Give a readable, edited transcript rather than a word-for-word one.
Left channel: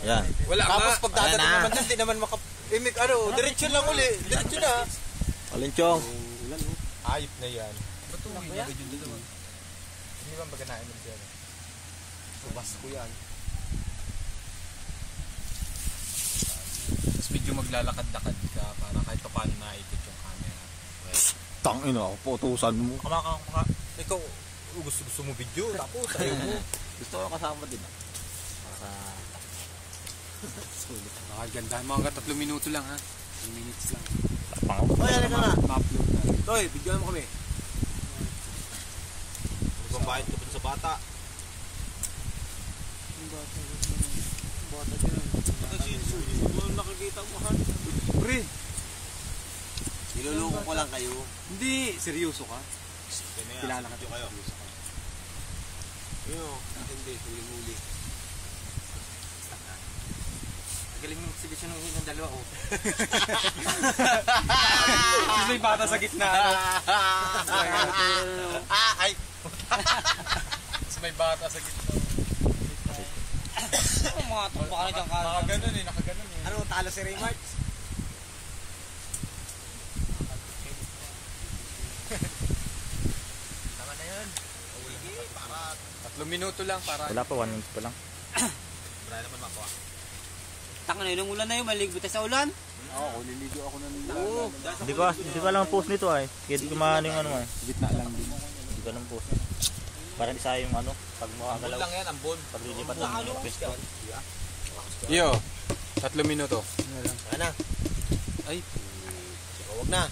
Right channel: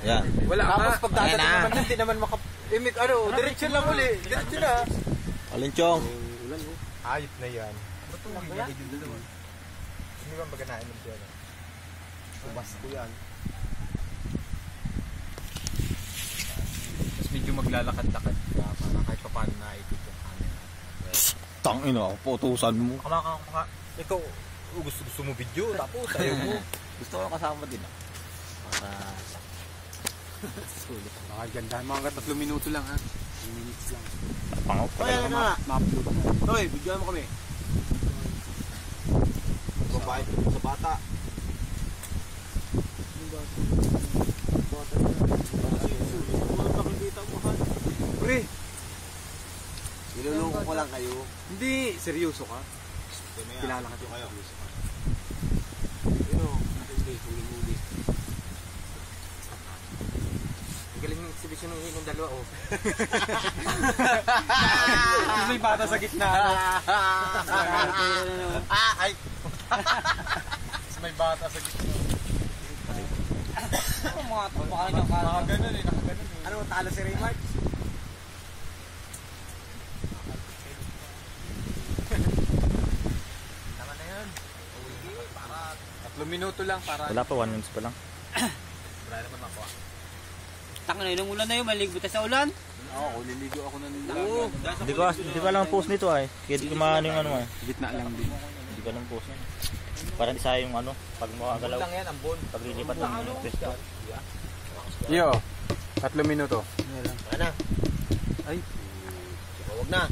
Yan. Wala ka. Tapos pagdadating naman din, di naman diretso lang uli. Diretso na. Alinchong. Ayop na yan. Batuwi na yun dalawa. Hindi ba maganain mo siya? Ubas ko yan. Tapos medyo maglalakad-lakad ka para kahit pa paano naikot yung camera. Tangina ako, putusan mo. Kamaka. Ikaw, gusto mo video, tapos ayaw mo. Gusto ko kasama din. Para... Nakaganda. Mga 3 minuto lang ha. 3 minutes lang. Tapangaw. Ay, na. Ma-upload na. Toy, bigyan mo kami. Pagbabayad ko dun sa bata. Nakikita mo ha? Pre, Niluloko ko lang kayo. hindi. Seryoso ka? Kilala ka kayo. Ayun, hindi. Huli-huli. Galing yung exhibition ng dalawa oh. Kasi may bata sa gitna. Ay! Kasi may bata sa gitna. Ano mga ito? Baka rin yung kanta. Nakaganon eh. Ano, talo si Raymart? Tama na yun. Para 3 minuto lang para. Wala pa, 1 minute pa lang. try naman makuha. Tanga na yung ulan na yun. Maligo tayo sa ulan. Oo, liligo ako ng Oo. Hindi ko alam ang post nito ay. Kaya di ko maano yung ano ay. gitna lang din. Hindi ko alam ang post. Para di sayang yung ano, pag makagalaw. Lang yan, ambon. Pag lilipat ng pwesto. Yo, 3 minuto. Ano? Ay, Huwag na.